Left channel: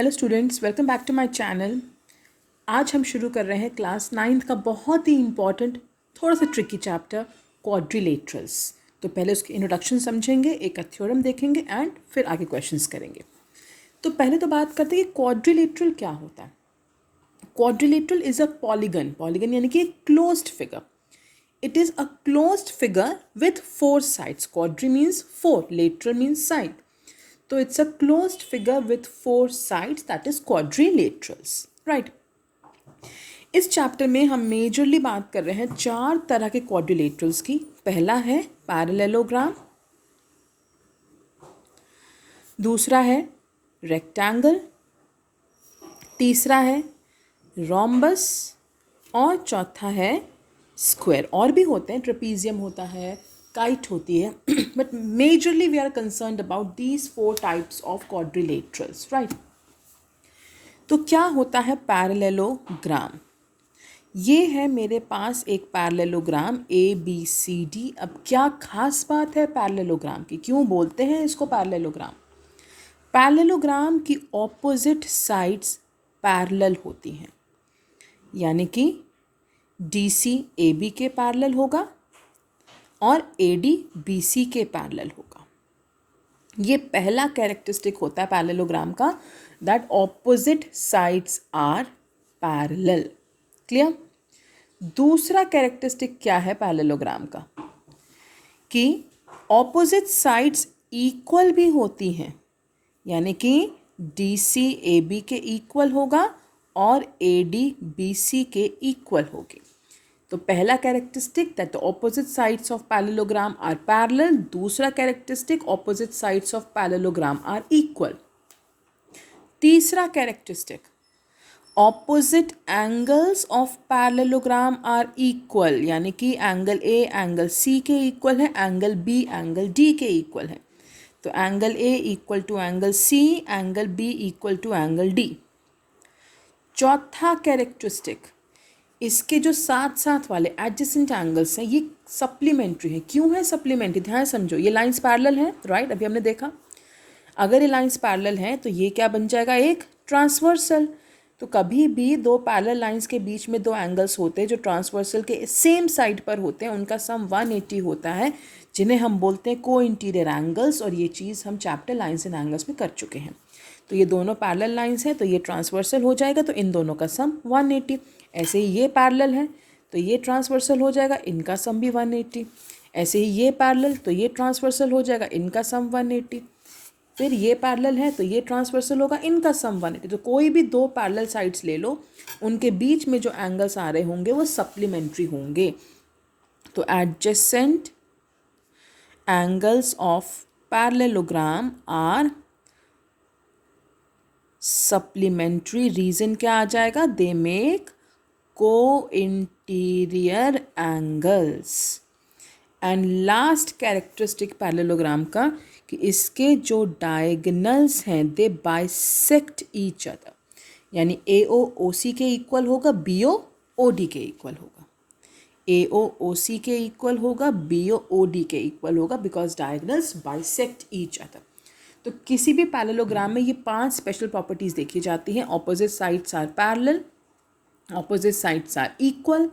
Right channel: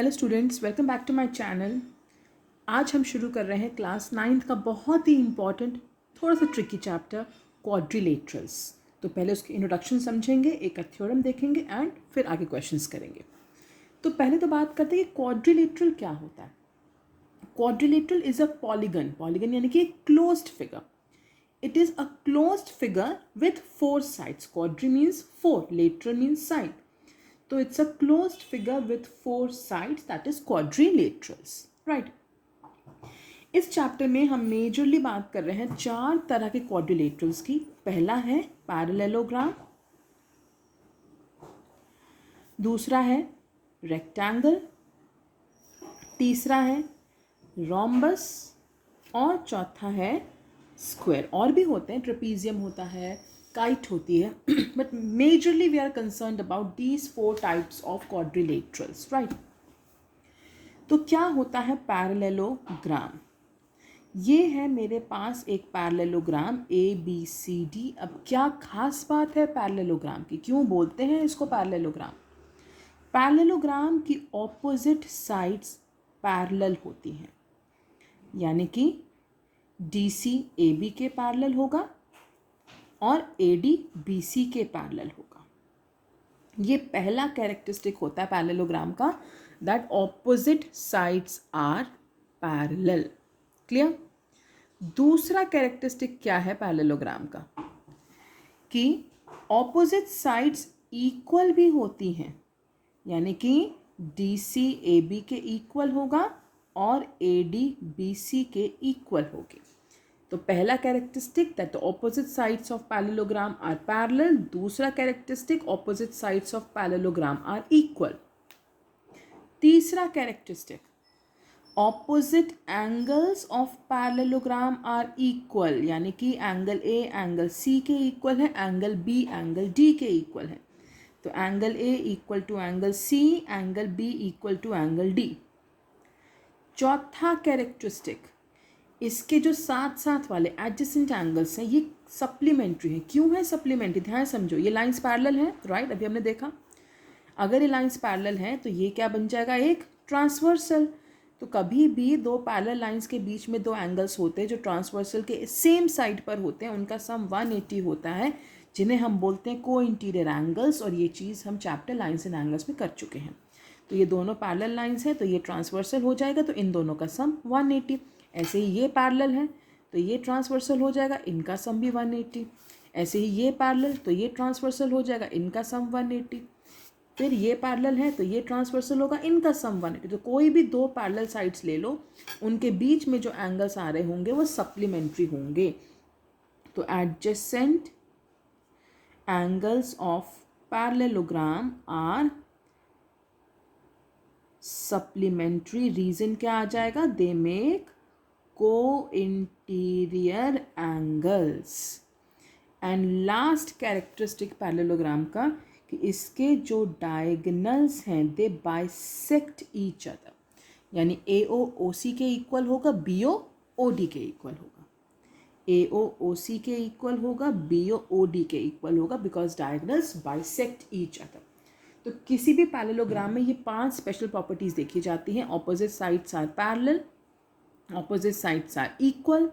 Hello students, welcome back to my channel. आज हम शुरू कर रहे हैं क्लास 9th का बहुत ही इम्पॉर्टेंट थोड़ा सा ट्रिकी चैप्टर क्वाड्रिलेटरल्स। तो पहले उसकी इंट्रोडक्शन समझेंगे, एक थ्योरम देखेंगे एंड फिर आगे क्वेश्चंस करेंगे। तो पहले तो बात करते हैं कि क्वाड्रिलेटरल क्या होता है। Quadrilateral is a polygon, polygon यानी कि एक closed figure. It is a closed figure with 4 sides. Quadri means 4, lateral means side. So it's a closed figure with 4 sides, that is quadrilaterals. Right. इस chapter में हम majorly बात कर रहे हैं 4 तरह के क्वाड्रिलेटरल्स की। पहला है पैरेललोग्राम, दूसरा है रेक्टेंगल, तीसरा है रोम्बस और चौथा है स्क्वायर। और भी होते हैं, ट्रेपीजियम होता है, काइट होती है, but majorly we are concerned about these 4 types of quadrilaterals, right. तो क्या होता है पैरेललोग्राम? ये है मेरे पास एक पैरेललोग्राम ABCD। अब क्या खास बात है पैरेललोग्राम की, क्यों बोलते हैं इसको पैरेललोग्राम? पैरेललोग्राम की ऑपोजिट साइड्स पैरेलल होती हैं, यानी कि DC AB के पैरेलल होगा और AD BC के पैरेलल होगा। ये पहला कैरेक्टरिस्टिक होता है पैरेललोग्राम का, that opposite sides are parallel. Clear? दूसरा कैरेक्टरिस्टिक क्या है पैरेललोग्राम का, कि ऑपोजिट साइड्स इक्वल भी होती हैं, यानी कि DC AB के इक्वल होगा और AD BC के इक्वल होगी। तो पहला characteristic that the opposite sides of parallelogram are parallel. दूसरा characteristic opposite sides of parallelogram are equal. तीसरा characteristic opposite angles of parallelogram are equal, यानी कि एंगल A एंगल C के इक्वल है, एंगल B एंगल D के equal है। तो angle A equal to angle C, angle B equal to angle D। चौथा characteristic, इसके जो साथ साथ वाले एडजेसेंट एंगल्स हैं ये सप्लीमेंट्री है। क्यों है सप्लीमेंट्री? ध्यान समझो, ये लाइंस पैरेलल हैं, राइट, अभी हमने देखा। अगर ये लाइंस पैरेलल हैं तो ये क्या बन जाएगा, एक ट्रांसवर्सल। तो कभी भी दो पैरेलल लाइंस के बीच में दो एंगल्स होते हैं जो ट्रांसवर्सल के सेम साइड पर होते हैं, उनका सम 180 होता है, जिन्हें हम बोलते हैं को इंटीरियर एंगल्स। और ये चीज़ हम चैप्टर लाइंस एंड एंगल्स में कर चुके हैं। तो ये दोनों पैरेलल लाइंस हैं तो ये ट्रांसवर्सल हो जाएगा, तो इन दोनों का सम 180। ऐसे ही ये पैरेलल है तो ये ट्रांसवर्सल हो जाएगा, इनका सम भी 180। ऐसे ही ये पैरेलल तो ये ट्रांसवर्सल हो जाएगा, इनका सम 180। फिर ये पैरेलल है तो ये ट्रांसवर्सल होगा, इनका सम 180। तो कोई भी दो पैरेलल साइड्स ले लो, उनके बीच में जो एंगल्स आ रहे होंगे वो सप्लीमेंट्री होंगे। तो adjacent angles of parallelogram are supplementary. Reason क्या आ जाएगा? They make co-interior angles। And last characteristic parallelogram का, कि इसके जो डायगनल्स हैं दे बाइसेक्ट ईच अदर, यानी AO OC के इक्वल होगा, BO OD के इक्वल होगा। AO OC के इक्वल होगा, BO OD के इक्वल होगा, because diagonals bisect each other. तो किसी भी पैरेललोग्राम में ये 5 स्पेशल प्रॉपर्टीज देखी जाती हैं। Opposite sides are parallel, opposite sides are equal,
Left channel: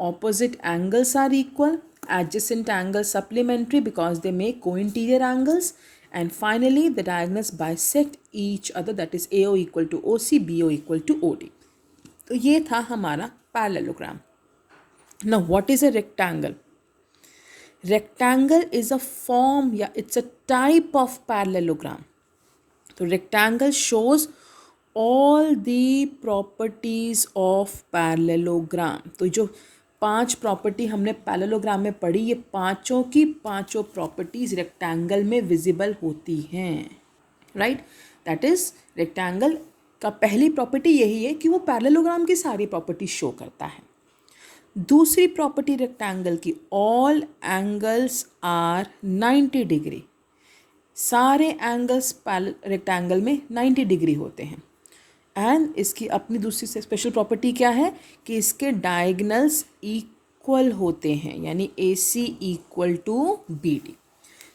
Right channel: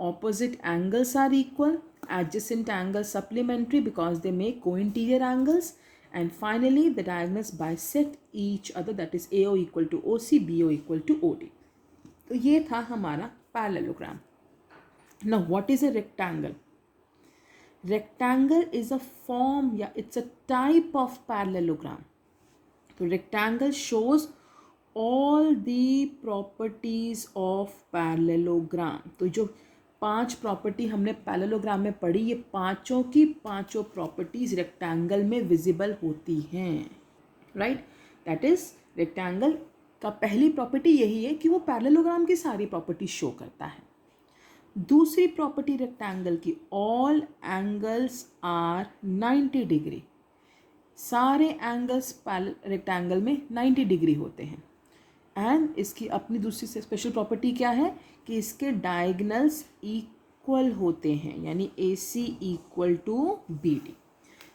opposite angles are equal, adjacent angles supplementary because they make co-interior angles, and finally the diagonals bisect each other, that is AO equal to OC, BO equal to OD। तो ये था हमारा parallelogram। Now what is a rectangle? Rectangle is a form या it's a type of parallelogram। तो rectangle shows all the properties of parallelogram. तो जो 5 property हमने parallelogram में पढ़ी, ये पांचों की पांचों प्रॉपर्टीज़ रेक्टेंगल में विजिबल होती हैं, राइट। दैट इज़ रेक्टेंगल का पहली प्रॉपर्टी यही है कि वो पैरेललोग्राम की सारी प्रॉपर्टी शो करता है। दूसरी प्रॉपर्टी रेक्टेंगल की, ऑल एंगल्स आर 90 डिग्री। सारे एंगल्स रेक्टेंगल में 90 डिग्री होते हैं। एंड इसकी अपनी दूसरी स्पेशल प्रॉपर्टी क्या है, कि इसके डायगनल्स इक्वल होते हैं, यानी AC इक्वल टू BD।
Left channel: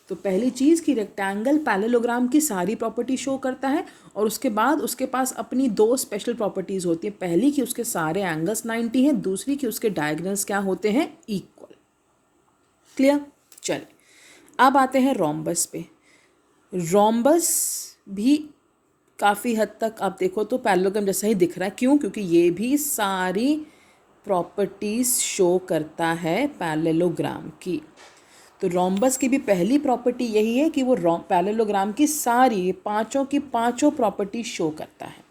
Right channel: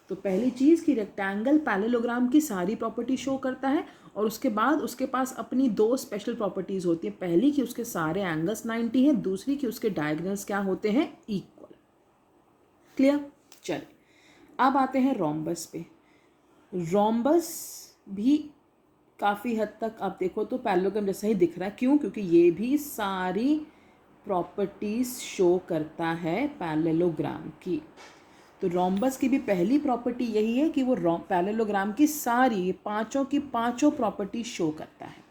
तो पहली चीज़ कि रेक्टेंगल पैरेललोग्राम की सारी प्रॉपर्टी शो करता है, और उसके बाद उसके पास अपनी दो स्पेशल प्रॉपर्टीज़ होती हैं। पहली कि उसके सारे एंगल्स 90 हैं, दूसरी कि उसके डायगोनल्स क्या होते हैं, इक्वल। क्लियर? चलिए अब आते हैं रोम्बस पे। रोम्बस भी काफ़ी हद तक आप देखो तो पैरेललोग्राम जैसा ही दिख रहा है। क्यों? क्योंकि ये भी सारी प्रॉपर्टीज़ शो करता है पैरेललोग्राम की। तो रोम्बस की भी पहली प्रॉपर्टी यही है कि वो पैरेललोग्राम की सारी पांचों की पांचों प्रॉपर्टी शो करता है।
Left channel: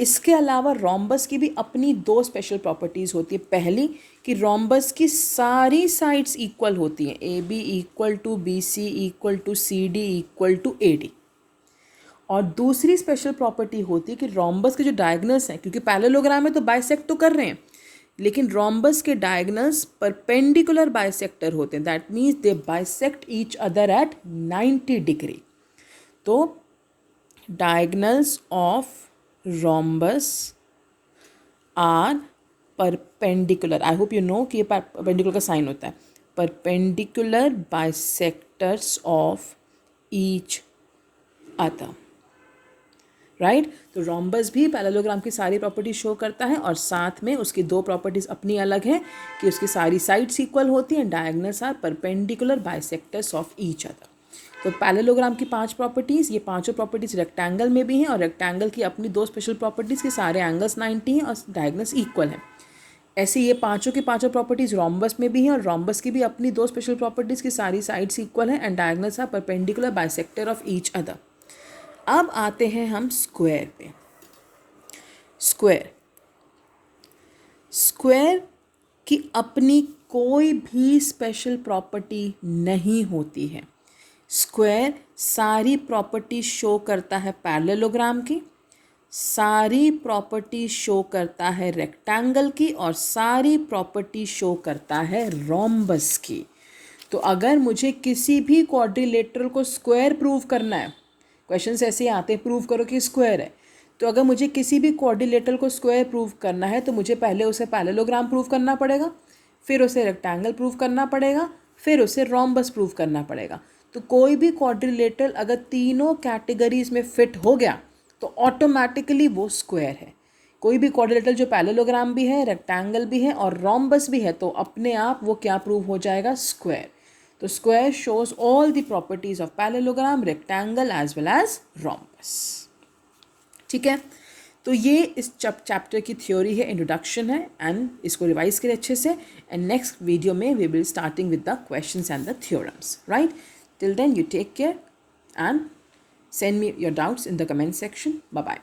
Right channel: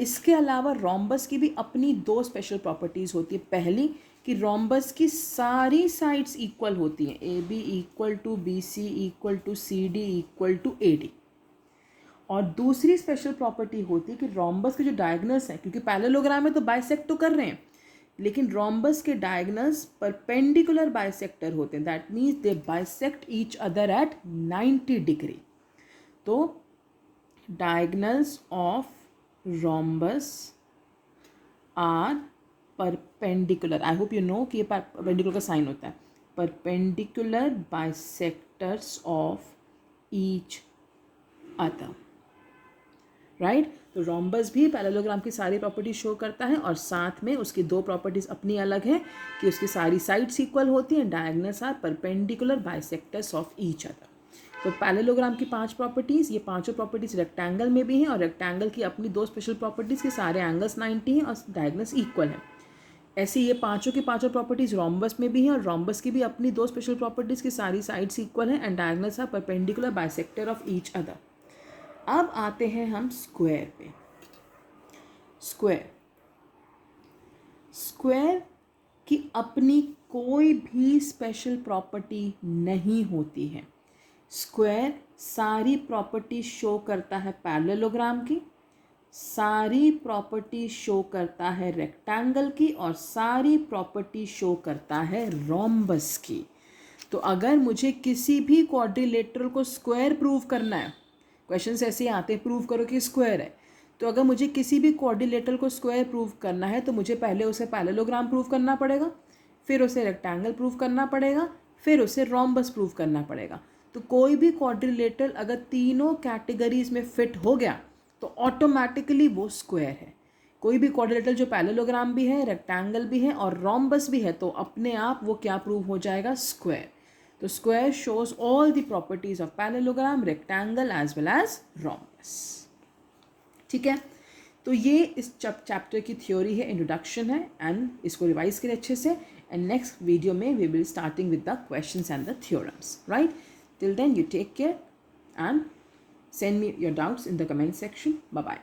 इसके अलावा रोम्बस की भी अपनी दो स्पेशल प्रॉपर्टीज़ होती है। पहली कि रोम्बस की सारी साइड्स इक्वल होती हैं, A B equal to B C equal to C D equal to A D. और दूसरी स्पेशल प्रॉपर्टी होती है कि रोम्बस के जो डायगोनल्स हैं, क्योंकि पैरेललोग्राम में तो बाइसेक्ट तो कर रहे हैं, लेकिन रोम्बस के डायगोनल्स परपेंडिकुलर बाइसेक्टर होते हैं। That means they bisect each other at 90 degree. तो diagonals of rhombus are perpendicular. I hope you know कि ये परपेंडिकुलर का साइन होता है। Perpendicular bisectors of each other, right. तो रोम्बस भी पैरेललोग्राम की सारी प्रॉपर्टीज शो करता है और साथ में उसकी दो प्रॉपर्टीज अपनी अलग हैं कि उसकी सारी साइड्स इक्वल होती हैं, diagonals are perpendicular bisectors of each other. तो पैरेललोग्राम की पांच प्रॉपर्टीज़, ये पांचों प्रॉपर्टीज़ रेक्टेंगल में भी हैं और रेक्टेंगल की अपनी दो स्पेशल प्रॉपर्टीज़ के सारे एंगल्स 90 हैं और डायगोनल्स इक्वल हैं। ऐसे ये पांचों की पांचों प्रॉपर्टीज़ रोम्बस में भी हैं और रोम्बस की भी अपनी दो स्पेशल प्रॉपर्टीज़ की सारी साइड्स इक्वल हैं and diagonals are perpendicular bisector of each other. अब आते हैं हम स्क्वायर पे। स्क्वायर की अपनी कोई भी स्पेशल प्रॉपर्टी नहीं होती है। स्क्वायर सारी प्रॉपर्टी शो करता है पैरेललोग्राम की, सारी प्रॉपर्टी शो करता है रेक्टेंगल की और सारी प्रॉपर्टी शो करता है रोम्बस की। तो अगर मुझे किसी भी क्वाड्रिलेटरल को स्क्वायर प्रूव करना है, क्वेश्चंस ऐसे आते हैं प्रूव करो कि स्क्वायर है, तो अगर मुझे किसी भी क्वाड्रिलेटरल को स्क्वायर प्रूव करना है तो मुझे पहले उसे पैरेललोग्राम प्रूव करना पड़ेगा, फिर उसे रेक्टेंगल प्रूव करना पड़ेगा, फिर उसे रोम्बस प्रूव करना पड़ेगा। तो कोई भी क्वाड्रिलेटरल अगर तीनों कैटेगरीज में फिट हो गया तो ऑटोमेटिकली वो स्क्वायर है। कोई भी क्वाड्रिलेटरल जो पैरेललोग्राम भी है, रेक्टेंगल भी है और रोम्बस भी है तो अपने आप वो क्या प्रूव हो जाएगा, स्क्वायर। तो square shows all the properties of parallelogram, rectangle as well as rhombus. ठीक है, तो ये इस चैप्टर की थ्योरी है, इंट्रोडक्शन है एंड इसको रिवाइज करें अच्छे से एंड नेक्स्ट वीडियो में we will starting with the questions and the theorems, right. Till then you take care and send me your doubts in the comment section. Bye bye.